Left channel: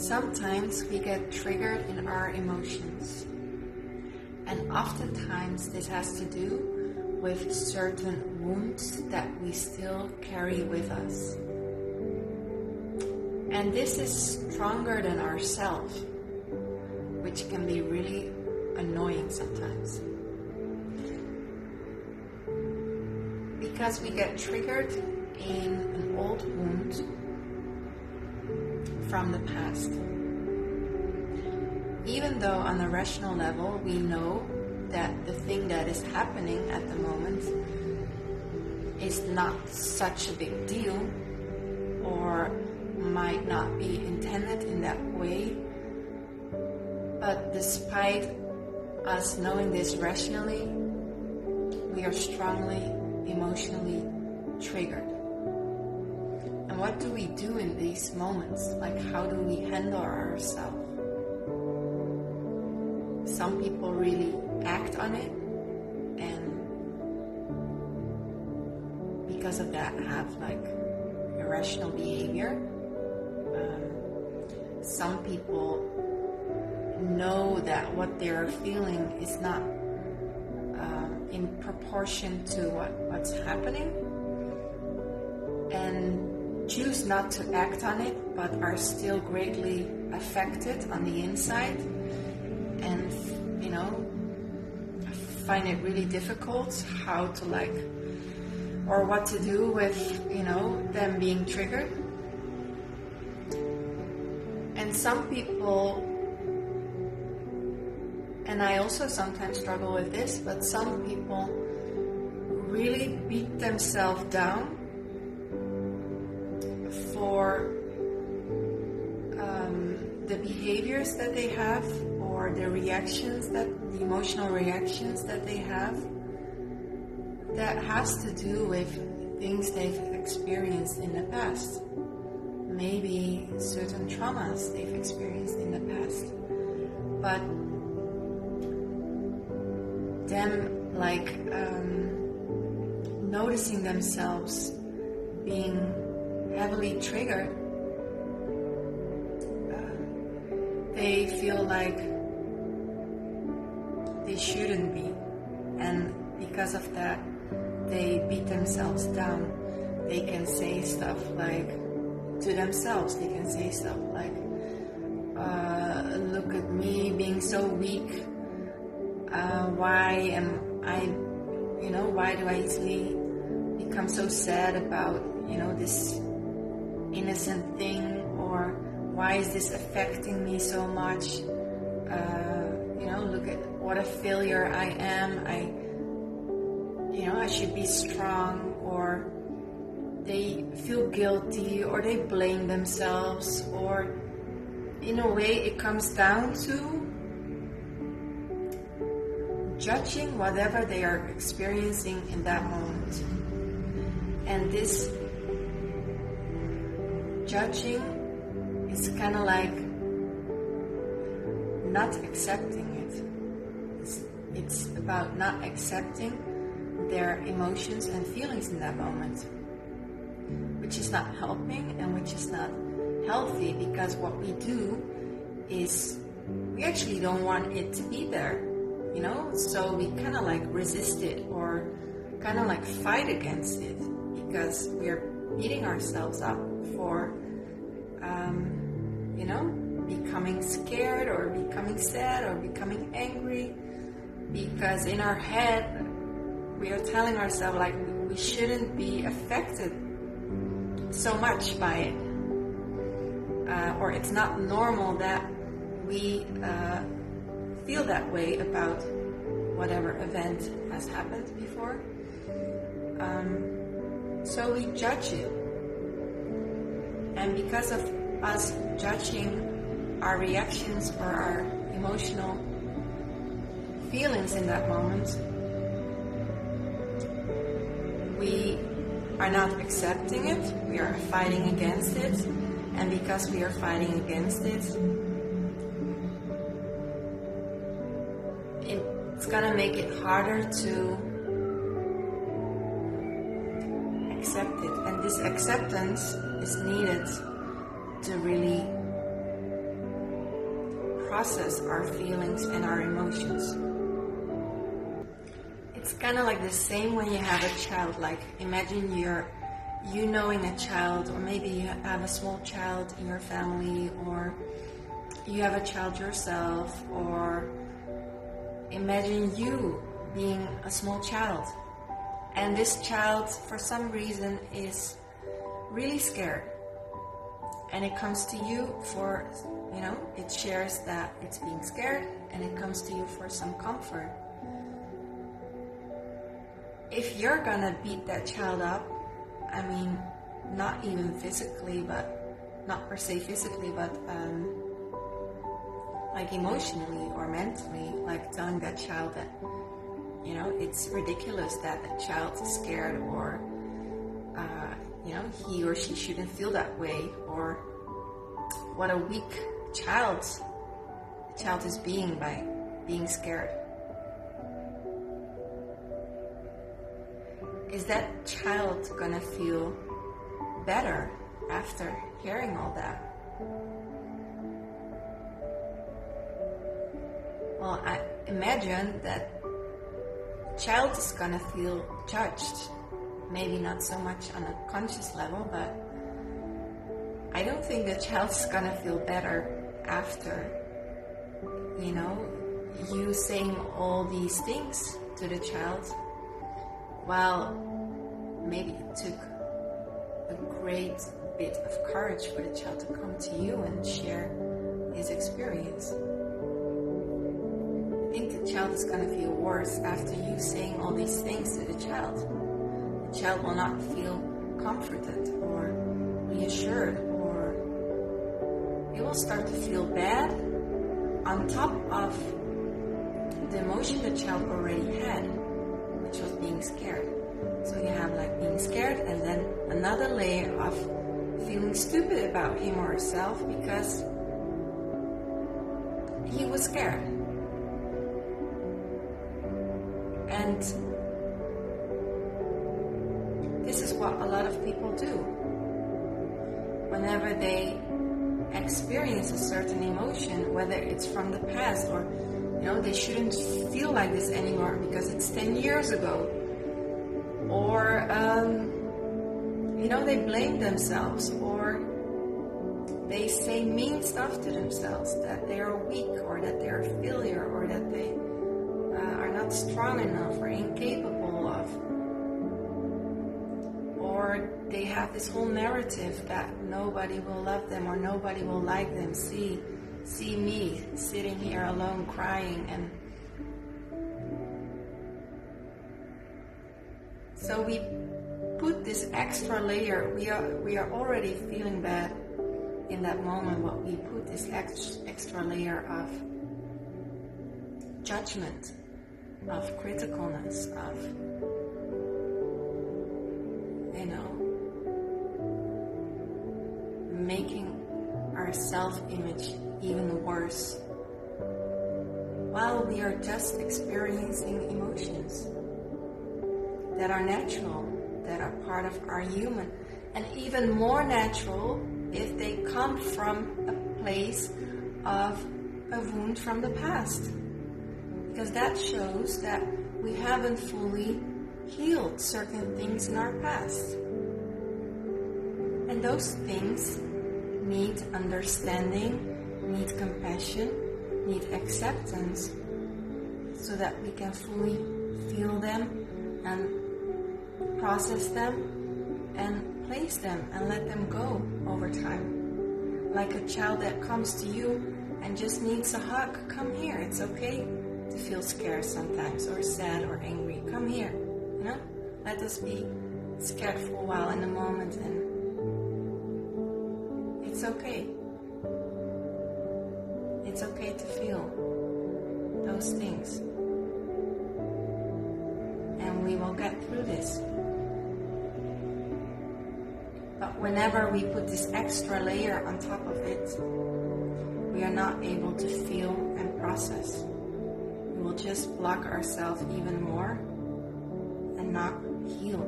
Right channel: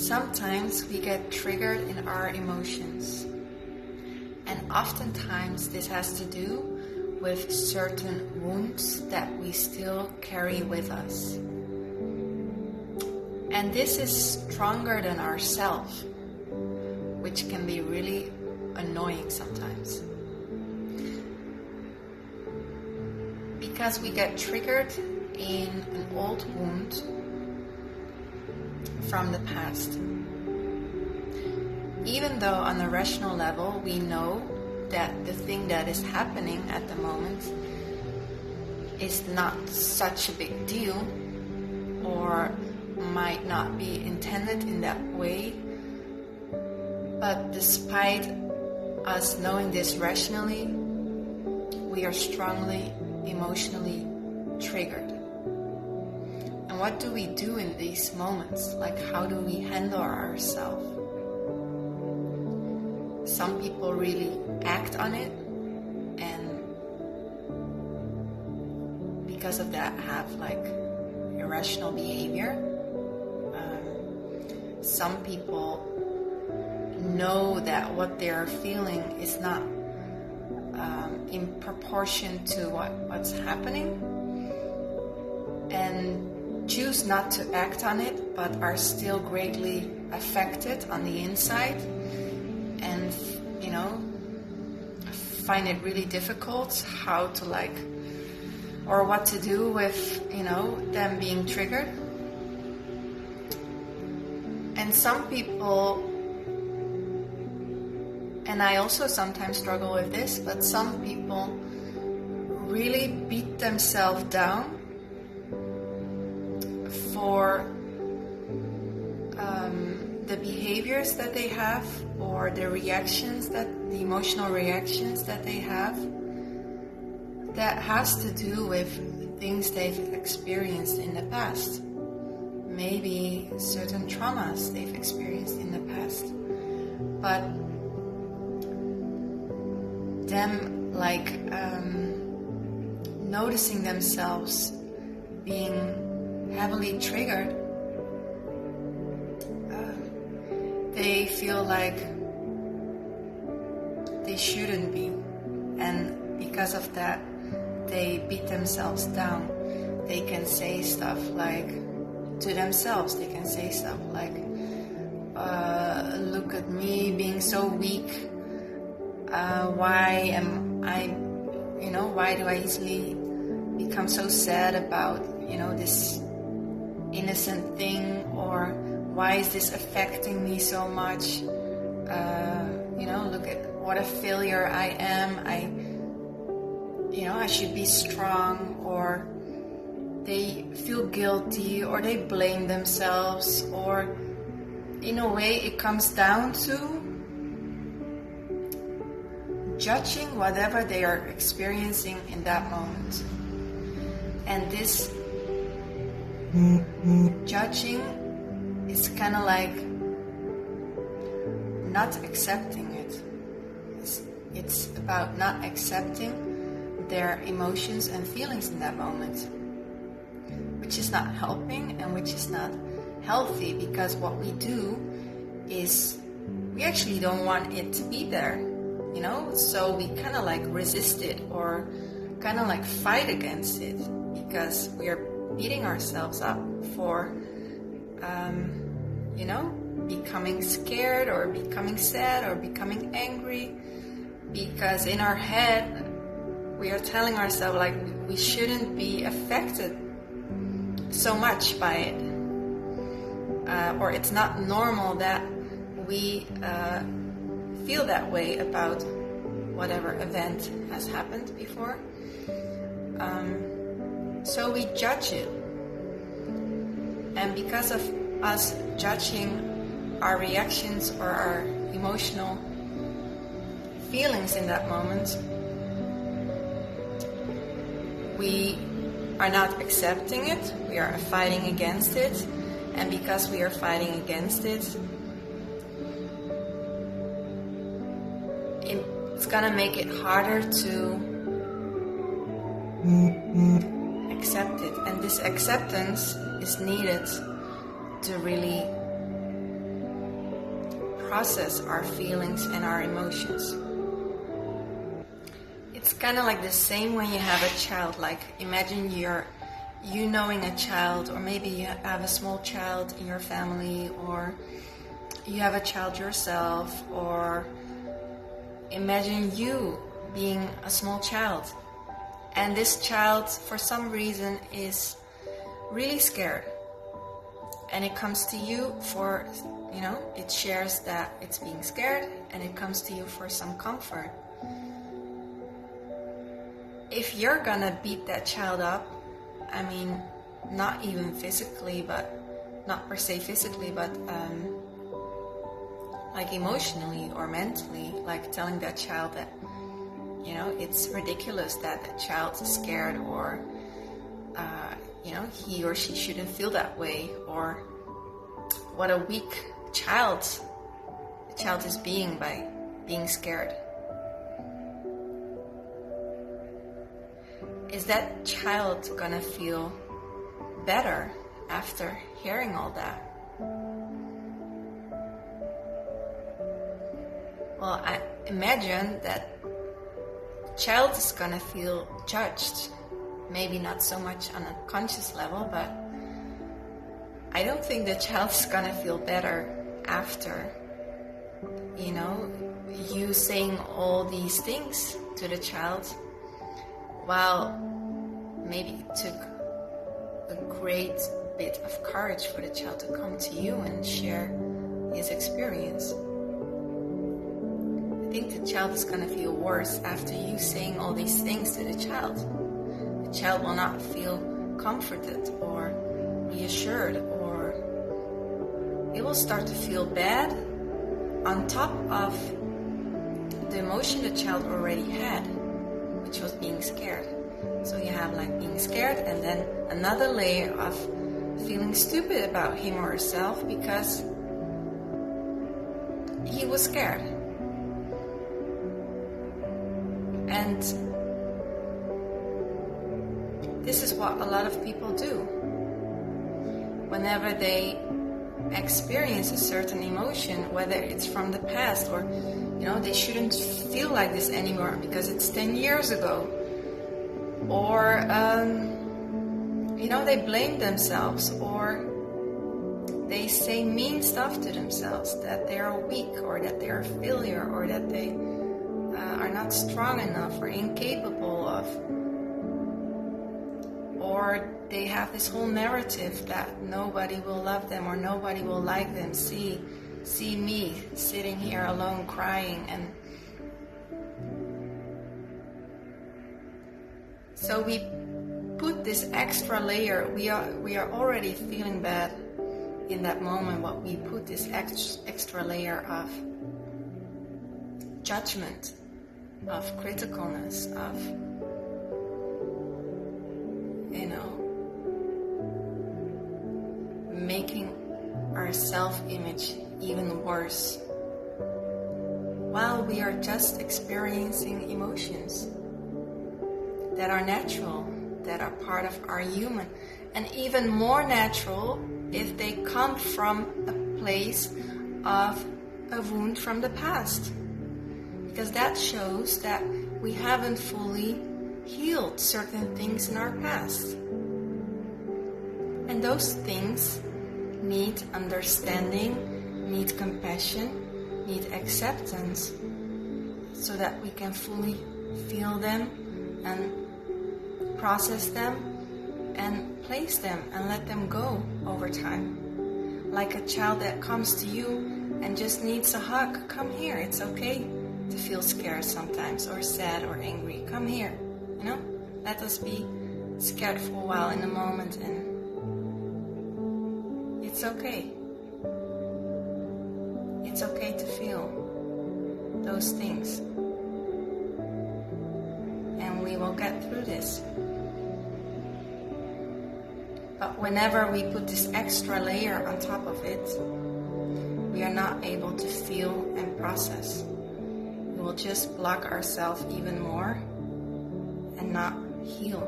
Sometimes we get triggered in our emotions, and oftentimes this has to do with certain wounds that we still carry with us. And this is stronger than ourselves, which can be really annoying sometimes. Because we get triggered in an old wound from the past. Even though on a rational level we know that the thing that is happening at the moment is not such a big deal or might not be intended in that way, but despite us knowing this rationally, we are strongly emotionally triggered. And what do we do in these moments? Like, how do we handle ourselves? Some people really act on it, and because of that have like irrational behavior. Some people know that what they're feeling is not in proportion to what's happening, and choose not to act on it, but are still greatly affected on the inside, and find it really difficult how to or what to do with them being triggered. And some people, and I also sometimes struggle with this, but some people really beat themselves down for the behaviors that they have, or the emotional reactions that they have, that has to do with things they've experienced in the past. Maybe certain traumas they've experienced in the past. But them noticing themselves being heavily triggered, they feel like they shouldn't be, and because of that they beat themselves down. They can say stuff to themselves, they can say stuff like, look at me being so weak, why do I easily become so sad about this innocent thing, or why is this affecting me so much? Look at what a failure I am. I should be strong. Or they feel guilty, or they blame themselves, or in a way it comes down to judging whatever they are experiencing in that moment. And this judging is kind of like not accepting it. It's about not accepting their emotions and feelings in that moment, which is not helping and which is not healthy, because what we do is we actually don't want it to be there, so we kind of resist it, or kind of fight against it, because we are beating ourselves up for becoming scared, or becoming sad, or becoming angry, because in our head we are telling ourselves we shouldn't be affected so much by it, or it's not normal that we feel that way about whatever event has happened before. So we judge it, and because of us judging our reactions or our emotional feelings in that moment, we are not accepting it, we are fighting against it, and because we are fighting against it, it's gonna make it harder to accept it. And this acceptance is needed to really process our feelings and our emotions. It's kind of like the same when you have a child. Like, imagine you knowing a child, or maybe you have a small child in your family, or you have a child yourself, or imagine you being a small child, and this child for some reason is really scared, and it comes to you for, it shares that it's being scared, and it comes to you for some comfort. If you're gonna beat that child up, I mean, not even physically, but not per se physically, but like emotionally or mentally, like telling that child that, it's ridiculous that the child is scared, or, he or she shouldn't feel that way, or what a weak child the child is being by being scared. Is that child gonna feel better after hearing all that? Well, I imagine that the child is gonna feel judged. Maybe not so much on a conscious level, but I don't think the child is gonna feel better after, you saying all these things to the child. While maybe it took a great bit of courage for the child to come to you and share his experience. I think the child is going to feel worse after you saying all these things to the child. The child will not feel comforted or reassured, or it will start to feel bad on top of the emotion the child already had, which was being scared. So you have like being scared, and then another layer of feeling stupid about him or herself because he was scared. And this is what a lot of people do. Whenever they experience a certain emotion, whether it's from the past, or they shouldn't feel like this anymore because it's 10 years ago, or they blame themselves, or they say mean stuff to themselves, that they are weak, or that they are a failure, or that they are not strong enough or incapable of, or they have this whole narrative that nobody will love them or nobody will like them. See me sitting here alone crying. And so we put this extra layer. We are already feeling bad in that moment, but we put this extra layer of judgment, of criticalness, of making our self-image even worse, while we are just experiencing emotions that are natural, that are part of our human, and even more natural if they come from a place of a wound from the past, because that shows that we haven't fully healed certain things in our past, and those things need understanding, need compassion, need acceptance, so that we can fully feel them and process them and place them and let them go over time. Like a child that comes to you and just needs a hug. Come here, it's okay to feel scared sometimes, or sad or angry. Come here, let us be scared for a while in a moment, and it's okay. It's okay to feel those things. And we will get through this. But whenever we put this extra layer on top of it, we are not able to feel and process. We will just block ourselves even more and not heal.